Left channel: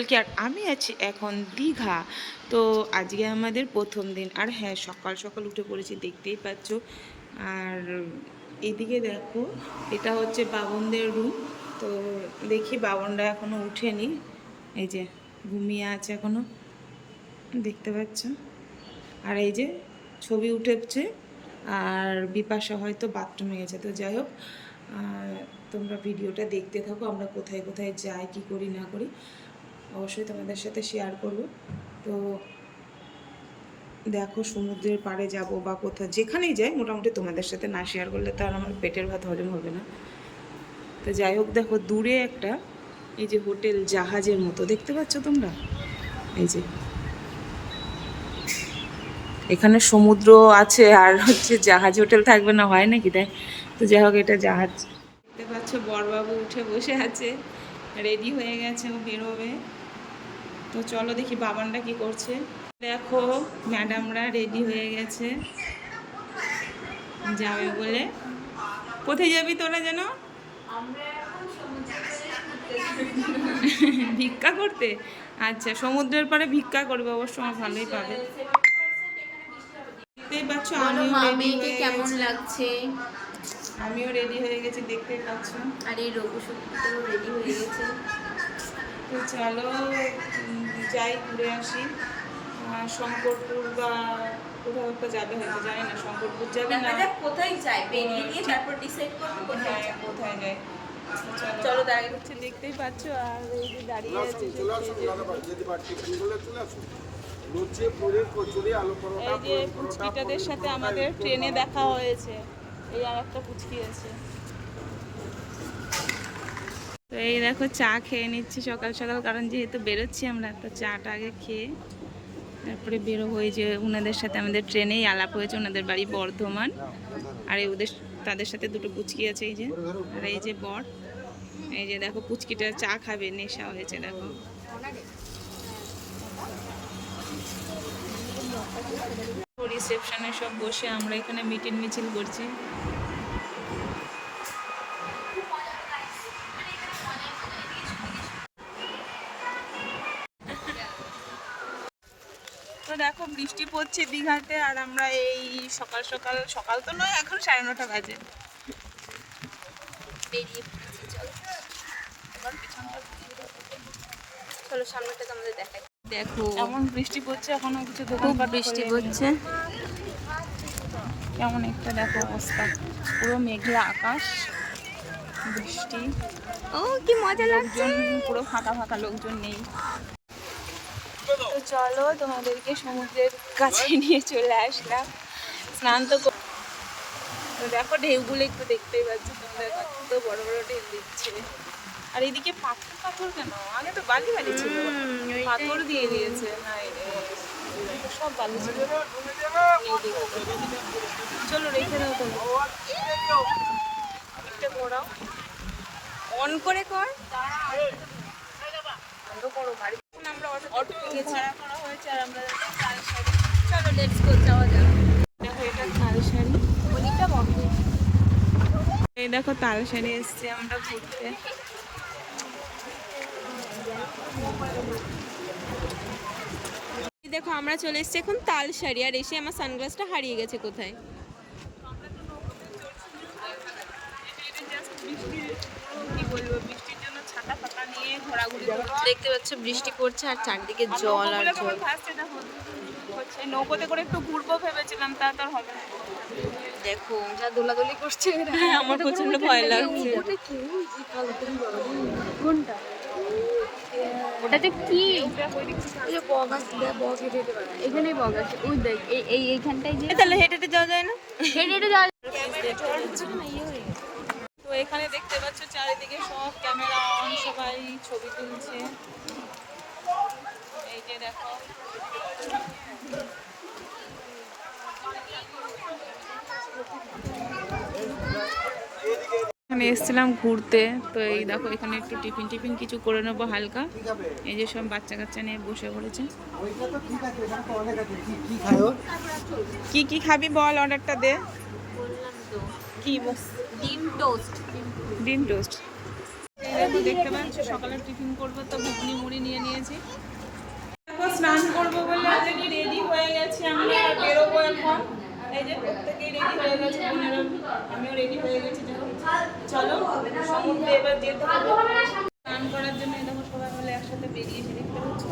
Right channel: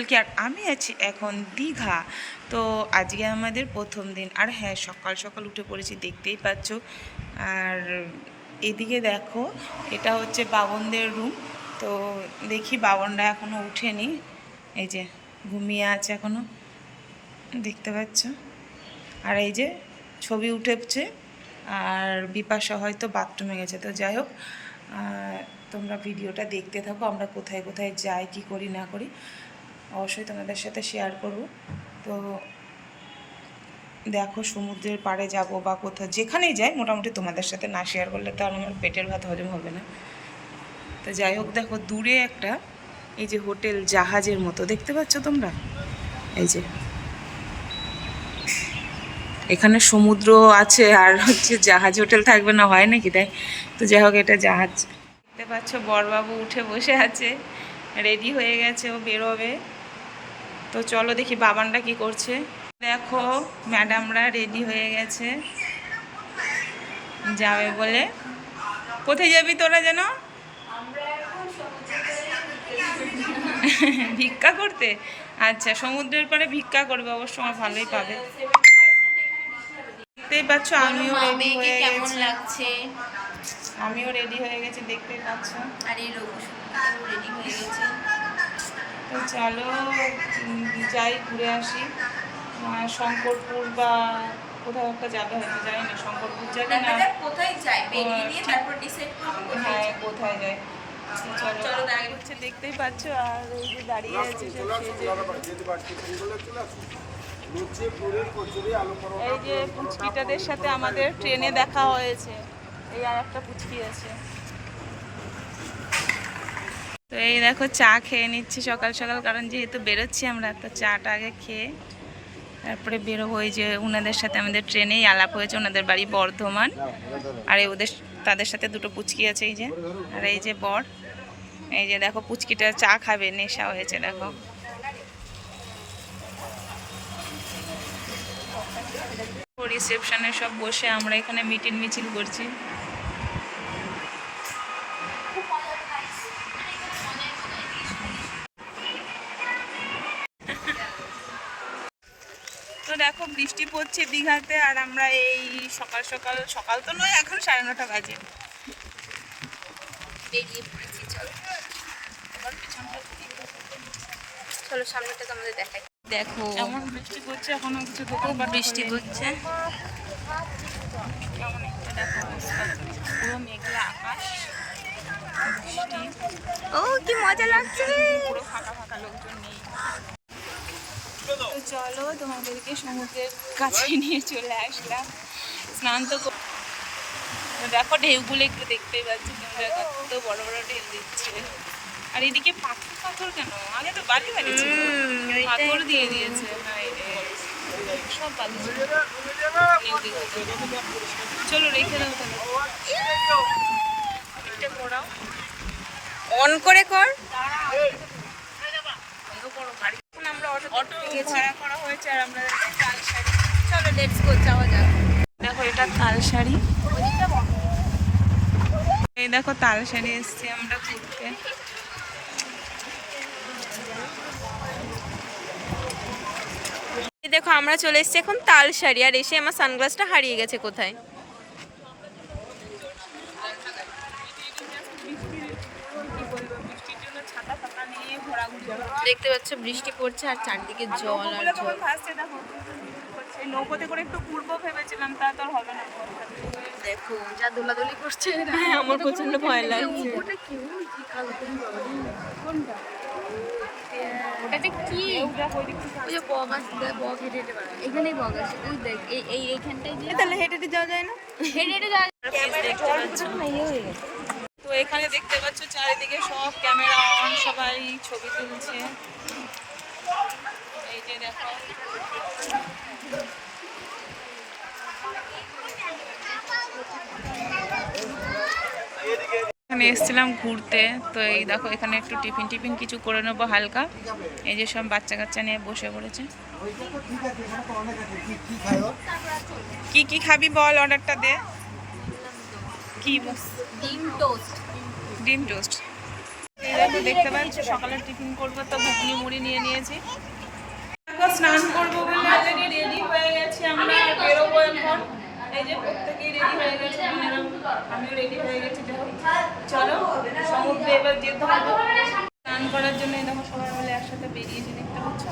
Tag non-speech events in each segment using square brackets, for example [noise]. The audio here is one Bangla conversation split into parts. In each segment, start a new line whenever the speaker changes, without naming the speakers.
কলকি আর আমি আছি এখন দীঘা। তো আজকে আমাদের প্রথম দিন। আর হ্যাঁ সকাল সকাল উঠে পড়েছি, দেখতেই পাচ্ছ। আর এদিকে দেখো, এটা হচ্ছে বাবনদের রুম তো দেখি বাবনরা এখনও উঠেনি। এই যে ঘুমিয়ে আছে এখনও দেখতে পাচ্ছ? আর এই যে ছবি উঠেছে। আর বিপাশা হয়তো বাথরুমে গেছে। তো যাই হোক তোমরা ভিডিওটা দেখতে থাকো। আমরা কোথায় কোথায় যাই, কি করি না করি। অবশ্যই তোমাদের সাথে শেয়ার করব। তো দেখো সমুদ্রের পাড়ে যাব বা কোথাও, যেখানেই যাই, মোটামুটি তোমাদের সাথে না শেয়ার করলে তো আর আমার পেটের ভাত হজম হবে না। তো যাই হোক, দেখো দূরে একটা, এই যে হোটেল জাহাজের মতো, দেখতে পাচ্ছ তোমরা? এই যে। এখানে সমুদ্র আছে আর হচ্ছে জাহাজ হোটেল থাকবে না, হয় নাকি তাই? তো যাই হোক, এটা জাহাজ। দেখতে পাচ্ছ, বরবাবু উঠে বসে আছে রেডি হয়ে গেছে, ও বেরোবে। তো চলো দেখি বাবানটা কি করছে। দেখো ম্যাডামরা রেডি হয়ে গেছে। যাবে বলে। কোথায় যাবি তোরা যেন? ভিক্ষা করতে? আচ্ছা সমুদ্রের পরে ভিক্ষা করবে অবশ্য আমার ভালোই পাবে। দেখতেই পাচ্ছ আমিও রেডি হয়ে
কেমন
গেছি।
লাগছে?
আমিও রেডি হয়ে গেছি দেখতেই পাচ্ছ।
আর এই রঘু রেডি হয়ে গেছে।
তো চলো যাই ঘুরে আসি। শঙ্করপুর বা কোথাও একটা যাবে হয়তো জানি না শঙ্করপুর যাবে না?
কোথায় যাই
বেরিয়ে নিয়ে
তারপর ডিসাইড করব
হ্যাঁ কোথায় যায়। তো চলো
চলো তার
হচ্ছে দেখতেই পাচ্ছ আর এই যে দাঁড়িয়ে আছে এই যে পুচকিটাদের সাথে আমাদের ট্রেনে দেখা হয়েছে। এই আর একটা পুচকি আছে। তো এই দেখো চা খেয়ে নিচ্ছি সকাল সকাল, কারণ যেহেতু বেরোচ্ছি আমরা, তো চাটা আগে খেয়ে তারপরে বেরোবো। এই যে ওনাদের সাথে আমাদের ট্রেনেই আলাপ হয়েছে ওনাদের বাড়ি বর্ধমান। আর এই ওদের, তাদের সাথে দুটো পুচকি আছে এই যে। আর এই যে বর, এই যে দেখো পুচকিটা চা খাবে, নেশা হয়েছে দেখো। রিসেপশনে সব বসে আমরা এখানে মিটিং মিছিল করছি। দেখো বৃষ্টি পড়ছে দীঘাতে আর আমরা এই সকাল সকাল সকাল তো নয় এখন সাড়ে নটা বাজে।
বেরিয়ে পড়েছি চলো। চলো সামনেটা তোমাদের দেখাই। দেখো।
কেমন বৃষ্টি পড়ছে এখনও কিছু
খুব বৃষ্টি পড়ছে।
কেমন একটা দেখো অবস্থা। পুরো মেঘলা আকাশ বৃষ্টি।
ও কি মজা লাগছে।
পুরো ফাঁকা ফাঁকা লোকজন নেই। চলো তোমাদেরকে সমুদ্রের কাছে [laughs] নিয়ে চলে আসলাম। স্নান তো দেখো ঢেউগুলো একটু দেখতেই পাচ্ছি তোমরা কত বড় বড় ঢেউ দিচ্ছে আর এদিকে পাথর পাথর কেন? আগে তো বালি বালি ছিল। পাথর দিয়ে দিয়েছে হায়। সব বালি ছিল। চলো রেখে দাও তাহলে।
অন করে কর।
বন্ধ করো গাড়ি এখন আমরা অটো ভাড়া করা হয়েছে আর আমরা তালসারি
চলো লেটস গো যাওয়া যাক।
দেখো এটা তালসারি এই দেখো তালসারি এসছি আমরা ঘুরতে।
দেখো আমরা চলে এসেছি এখন তাল শাড়ি আর এসে আমার সানগ্লাসটা হারিয়ে গেছে কোথায়
বৃষ্টির পুরো কি বলব বৃষ্টির জন্য ছাতা ফাতা নিয়ে ঘোরাঘুরি
দেখতে পাচ্ছ বৃষ্টি পড়ছে আর চারদিকে জল আর জল।
হচ্ছে নৌকোতে করে একটু ঘুরবো ভেবেছিলাম তা তো হবে না।
দেখো যা দুলাদুলি করছে হ্যাঁ আমার প্রচণ্ড ভয় লাগছে। এটা কি? এখানে বগাস ওই দেখ এই এই এইখানটায় যে তাহলে হেঁটে হেঁটে যাওয়া যায় না? হেঁটে হেঁটে যাওয়া
দেখতে পাচ্ছ। এখানে দেখতে পাচ্ছ চারিদিকে সব ক্যামেরা অন, সবাই ছবি তুলছে। এই যে এখানে এসেছিলাম ঘুরতে, তো এই দেখো এখানে একটু টিফিন টিফিন কিছু করে নেব হালকা। এই যে সব বাচ্চা কাচ্চা নিয়ে বসে পড়েছে। কি কি খাবি বল অর্ডারটা দে। কি বস
ডিম টোস্ট।
ডিম টোস্ট। এই দেখো, দেখতে পাচ্ছ? সকালে টিফিন করব, তো ঘুগনি মুড়ি নিয়ে নিয়েছি। স্নান করব বলে অলরেডি রেডি হয়ে গেছি আমরা, বেরোবো এখন। এই যে প্রত্যেকেই রেডি হয়ে গেছে, বোনেরা, আমিও রেডি হয়ে গেছি দেখো চলো, সমুদ্রে এবার যেতে হবে। স্নান করার জন্য দেখো, সবাই মিলে একসাথে বেরিয়েছি দেখতে পাচ্ছ?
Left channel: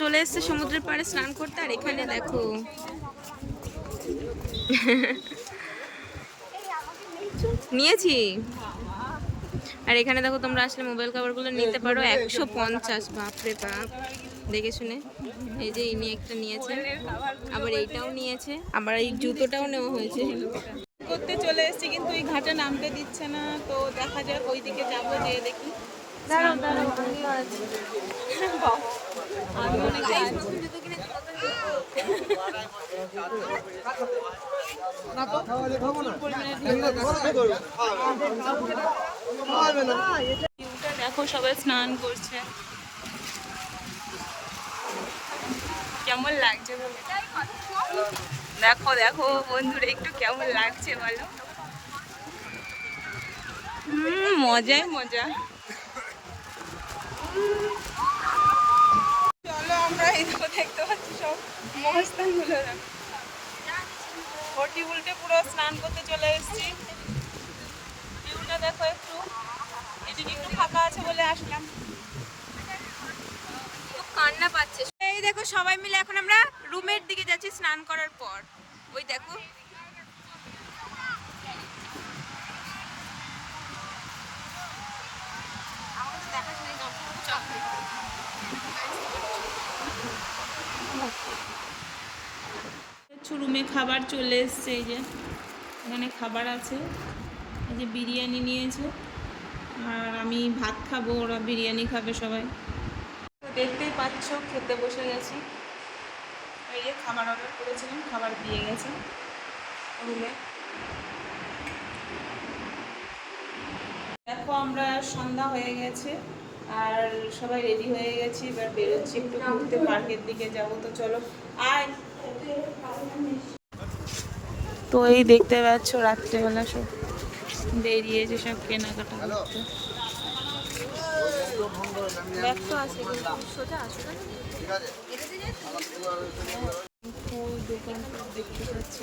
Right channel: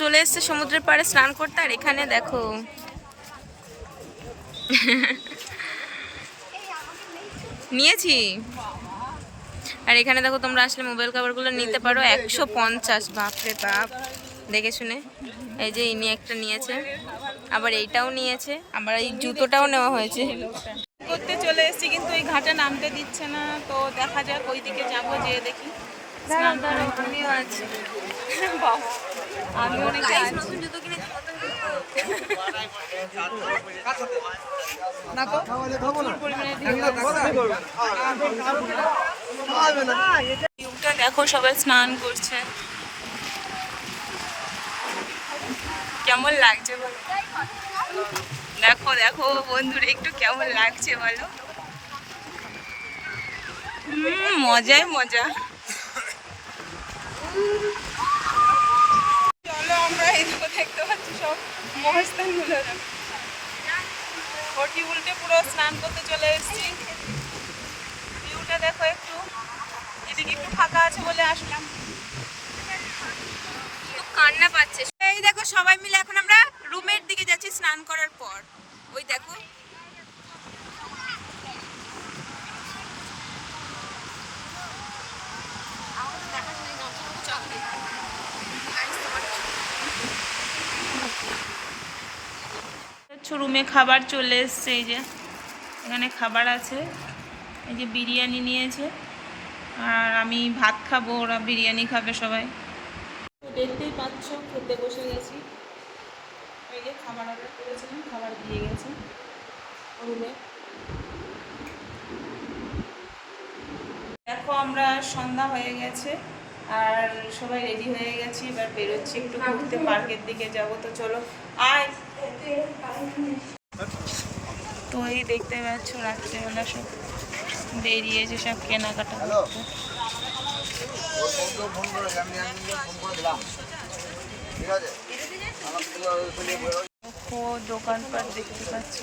চলে এসছে সমুদ্রের পাড়ে স্নান করতে, আর এখানে দেখো। নিয়েছি। আর এখানে দেখো তোমরা আসলে মোবাইল কভারগুলো নিতে পারো। একশো পঞ্চাশ বাপরে বাপ। দেখে শুনে। এই যে ইনি একটা নিয়েছে। আবার এইটাও নিয়েছে। আবার এই জুতোটাও নেওয়া হয়েছে।
করতে চলে এসেছি কিন্তু ওই ঘাটে নামতে দিচ্ছে না। তো দেখা যাক ওই দিকে যাব যেয়ে দেখি। স্নান করব।
আমিও
দেখো, সবাই স্নান করছে। কেমন লাগছে বলো? দেখো দেখো বন্ধুরা, একটু কেমন লাগছে বলো? হুম, মজাই মজা। চলো, আমরা এই দেখতে পাচ্ছি সব। মহাস্থানগুলো ঘটি উল্টে পুরো স্নান করতে চলে এসেছি। ভিউটা দেখো একটু। এদিকে একটু ফাঁকা আছে বলে আসলাম।
কান্না পাচ্ছে। এই দেখো সবাই মিলে এখন আমরা রুমের দিকে যাচ্ছি স্নান করার পর। ওই দেখো
রুমে খাবার চলে এসছে এই যে এখানে খাবার আছে। এই যে বিরিয়ানি নিয়েছে আর আমি ভাত খাব ওরা বিরিয়ানি খাবে সবাই। তো দেখতেই পাচ্ছ খেতে বসে গেছি। এই যে খাবার অর্ডার করেছিলাম খাবার দিয়ে গেছে রুমে। দেখো আমরা সন্ধ্যা হয়ে গেছে আর সবাই রেডি হয়ে গেছি এবার বেরোচ্ছি একটু ঘুরতে পার্কের দিকে যাব তো চলো আয়। তো এই দেখতে পাচ্ছ রাত্রিবেলা সব বেরিয়েছে সব কেনাকাটা করতে। দোকানপাট দেখতে পাচ্ছ।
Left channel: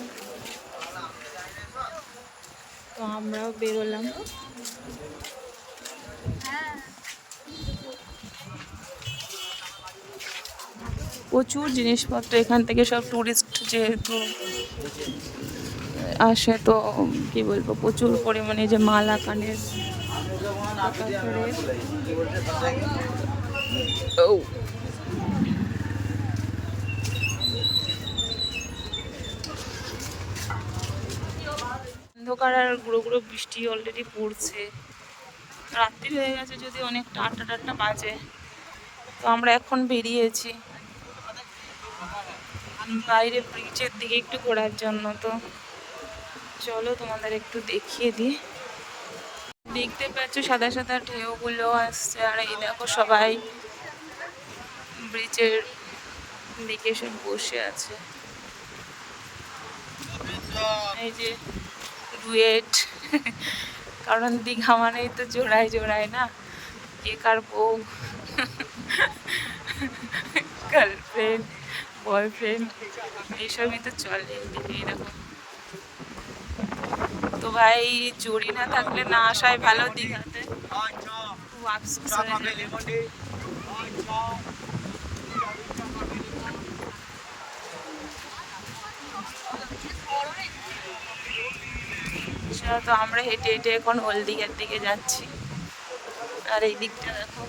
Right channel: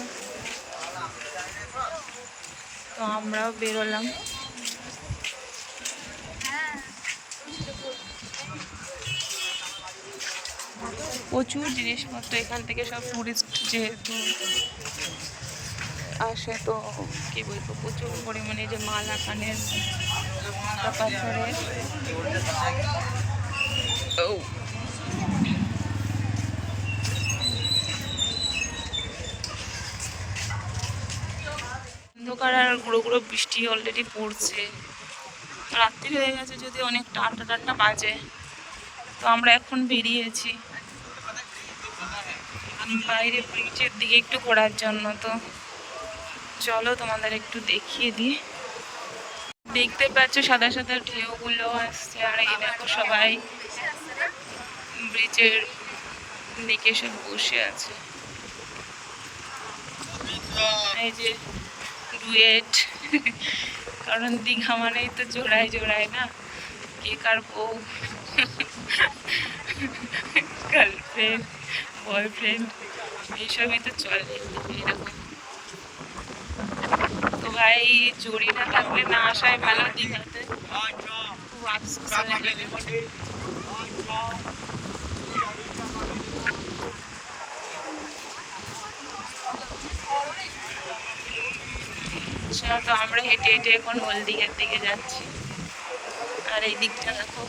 তো আমরাও বেরোলাম। প্রচুর জিনিসপত্র এখান থেকে সব টুরিস্ট যেহেতু আসে তো কি বলব প্রচুর পরিমাণে যে মালা কানের পাথরের ও অন্ধকার আর গুঁড়ো গুঁড়ো বৃষ্টি অলরেডি পড়ছে। রাত্রি হয়ে গেছে যদি অনেকটা আটটা টাটটা বাজে। তো আমরা এখন বেরিয়েছি। বাইরে ব্রিজের দিকে একটু ঘোরার জন্য তো। চলো তোমাদের একটু দেখিয়ে দিই। দেখতে পাচ্ছ সাদা সাদা ঢেউগুলো আসছে আর এই দেখো সবাই ব্রিজের দিকে সব বসে আছে। এই যে ডুয়েট। কারণ দীঘা মানেই তো জোড়ায় জোড়ায় না। কে কার বউ? গার্লফ্রেন্ড বয়ফ্রেন্ড এইসবই তো চলে এরকম তো ভাই জড়ি না থাকলে না আসায় ভালো দীঘাতে খুব আফসোস তো আমরা হেঁটে হেঁটে এখন হলদিঘার দিকে যাচ্ছি। আর এই দিকটা দেখো।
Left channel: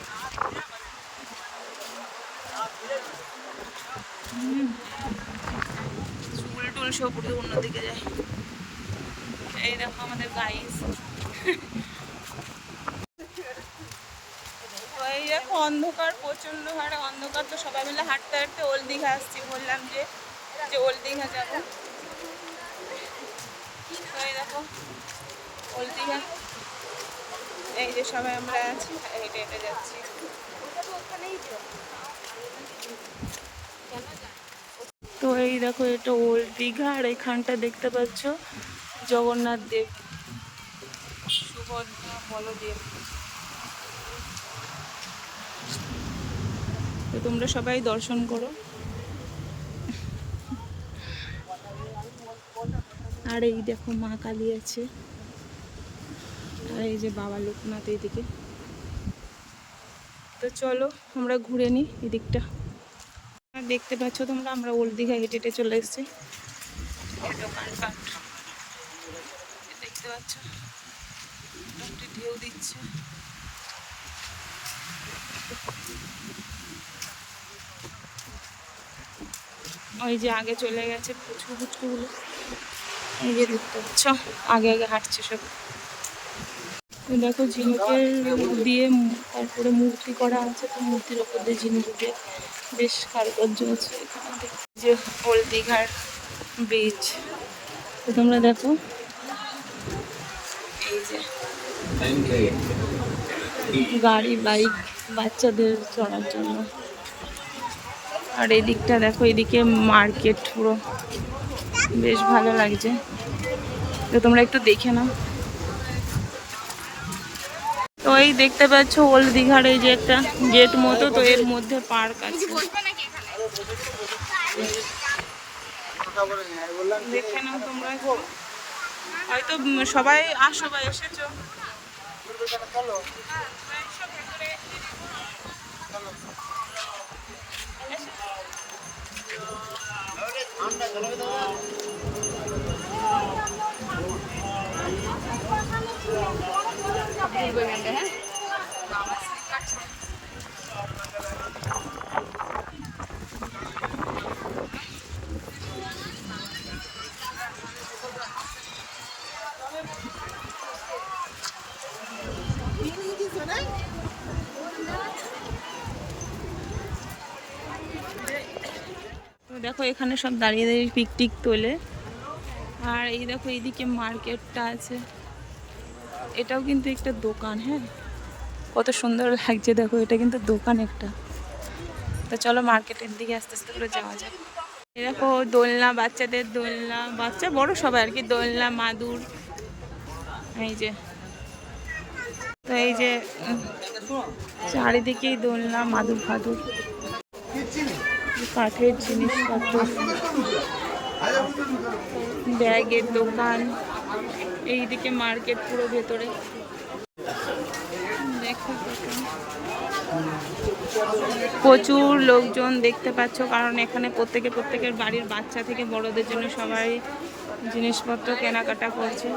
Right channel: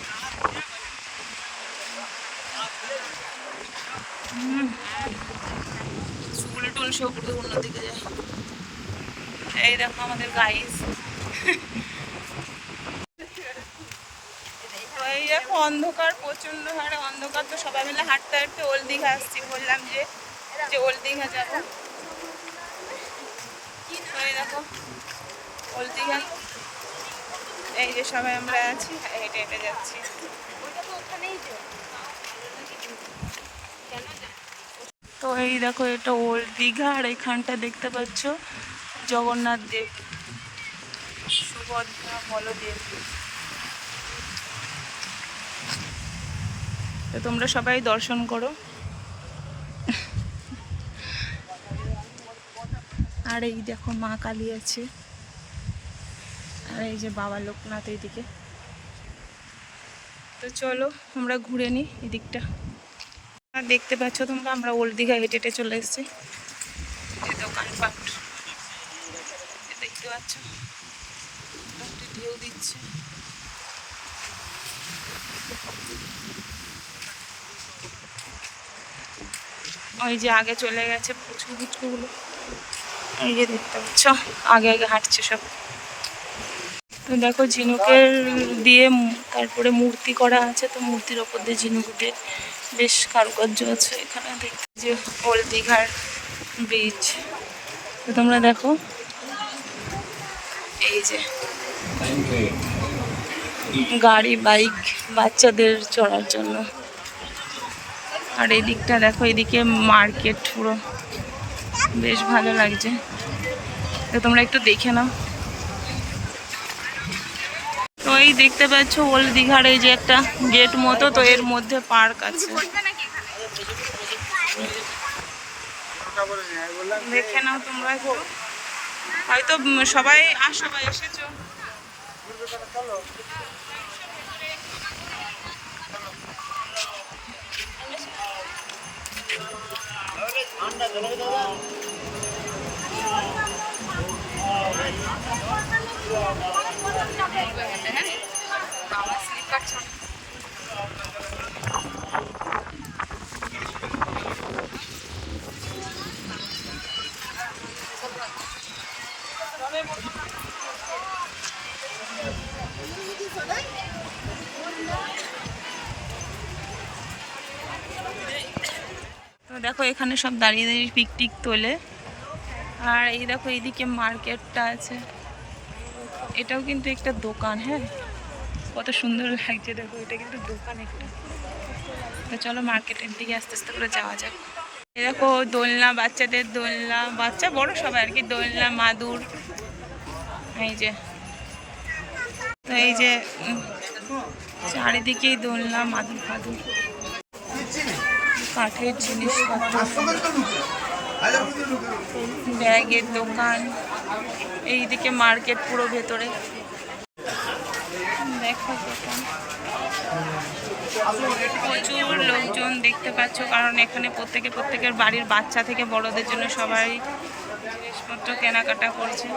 টুল সব এই দেখো আমাদের গাইস এই দেখো অন্ধকার প্রচণ্ড হারে অন্ধকার। তো সবাই মিলে হাঁটতে হাঁটতে ওল্ড দীঘা আসছি। বললাম যে যে ওল্ড দীঘা যাব। এই দেখো ওল্ড দীঘা। এই যে সবাই আমরা আছি, হেঁটে হেঁটে যাচ্ছি। তো এই দেখো, এটা ওল্ড দীঘা, আর এখানটা দেখতে পাচ্ছ জগন্নাথ দেব, সুভদ্রা বলদেব। তো তোমরা সবাই দর্শন করো। আর এই দেখো, মা কালী আছে। আর এই যে বাবা লোকনাথ এইদিকে। তো চলো, আমরা ঘুরে নিই এদিকটা। দেখতে পাচ্ছ তোমরা, আমরা ওল্ড দীঘা হেঁটে হেঁটে চলে এসেছি। দোকানপাট দেখতে পাচ্ছ? ঢেউ দিচ্ছে। ওই যে আগে চলে গেছে পুচকু পুচকুগুলো। এই যে দেখতে পাচ্ছ, আগে আগে হাঁটছে সব। তো দেখো, ঝিনুকের দিয়ে তারপরে মূর্তি করা আছে, তো মূর্তির ওপর দিয়ে ঝিনুক দিয়ে বেশ কারুকার্য আছে এখানে দেখতে। যে ওল্ড দীঘার ব্রিজ তো তোমরা দেখো। এই যে গাড়ি বাইক বাচ্চাদের চড়ার জন্য। আর এই দিকটা দেখো, এদিকে মার্কেট পুরো। বেশ ভালো লাগছে। তো তোমরা একটু দেখে নাও। তো এই দেখতে পাচ্ছ ওল্ড দীঘার এই যে একটা গেট মতো, তো এর মধ্যে পার্ক আছে। দেখে নাও তোমরা হয়তো সবাই আসো এসেছ। দেখো এখানে সব দাঁড়িয়ে দাঁড়িয়ে পিকটিক তোলে। আর এই দেখো এইদিকে মার্কেটটা আছে। এটাও কিন্তু একটা দোকান হ্যাঁ? কত সুন্দর লাগছে দেখো, এটা কিন্তু দোকান একটা। তো চলো মার্কেটের দিকে আস্তে আস্তে করে যাওয়া যাক। দেখো, দোলনা, বাচ্চাদের দোলনা, বাচ্চা বড় সবাই আর কি, দোলনা, মাদুর, এই যে। তো এই যে, চারিদিকেই দোলনা, মাদুর, ফাদুর। কাঠের জিনিসপত্র। ব্যাগের দোকান, এইদিকে মার্কেট পুরো ভেতরে। দেখো দোকান। প্রচুর লোকজন দেখতে পাচ্ছ, কারণ এখানে প্রত্যেকে প্রত্যেকের বাড়ির বাচ্চা থেকে বড়দের জন্য সবাই জিনিসপত্র কেনাকাটা করছে।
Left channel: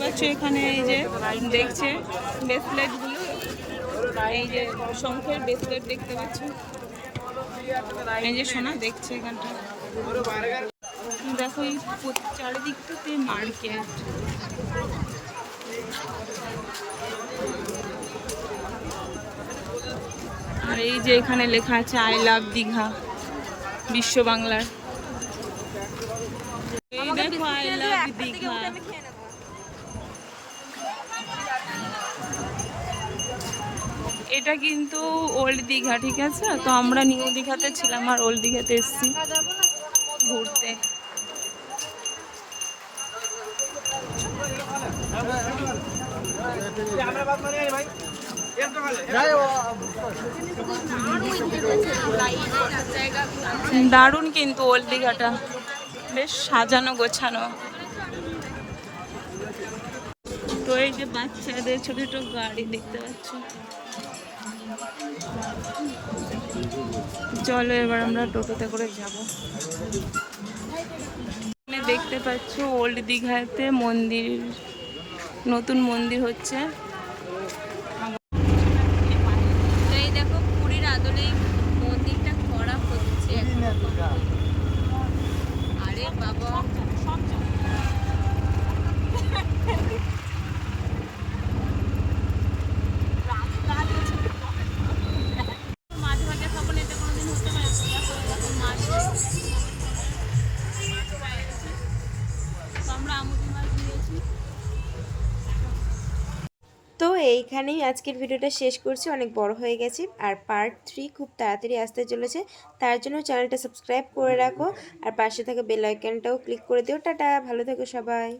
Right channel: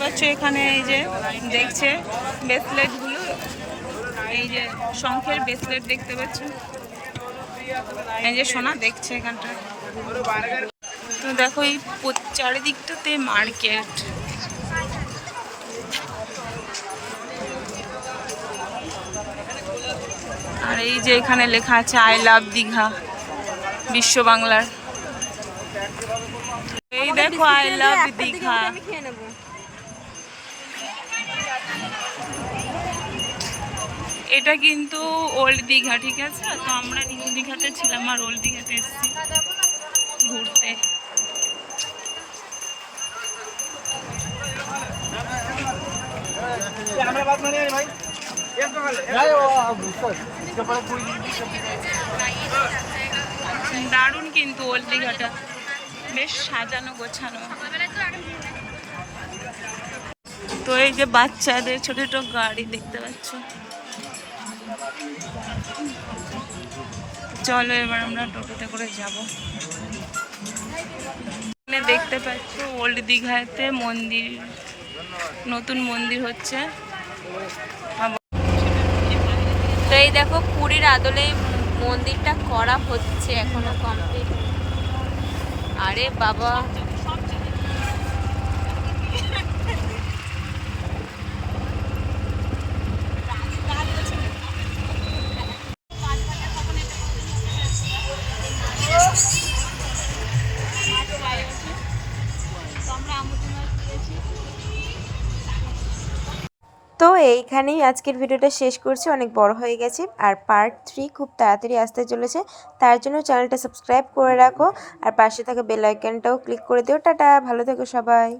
পাচ্ছ এখানে এই যে দেখছে ব্রেসলেটগুলো। এই যে শঙ্খের ব্রেসলেট দেখতে পাচ্ছ। এই যে সোনা, দেখছে এখানটা তো দেখো এই চারিদিকটাতে মার্কেট। আর এই যে এখানে লেখা আছে আই লাভ দীঘা বিশ্ব বাংলার। এই দেখো আই লাভ দীঘা এটা কিন্তু ওল্ড দীঘা ঠিক আছে? তো আমরা নিউ দীঘাতে ছিলাম আর ওল্ড দীঘাতে এসেছি। ঘুরতে। দারুণ কিন্তু ওল্ড দীঘাটা। বেশ সাজানো গোছানো। তো এই যে বাচ্চাদের ছোট ছোট গাড়ি দেখতে পাচ্ছ। চলো এবার আমরা টোটোতে করে যাব। এখানে দেখতে পাচ্ছ ওল্ড দীঘাতে মন্দির, নতুন মন্দির হচ্ছে।
এই দেখো পুরীর আদলে মন্দিরটা করা হচ্ছে এখনও কমপ্লিট
আরে বাবা। এইখানেই আজকের ভিডিওটা শেষ করছি। অনেক বড় হয়ে গেছে আর পার্ট থ্রি খুব তাড়াতাড়ি আসতে চলেছে। তার জন্য চ্যানেলটা সাবস্ক্রাইব করে রাখো আর পাশে থাকা বেল আইকনটাও ক্লিক করে দিও। টাটা, ভালো থেকো সবাই।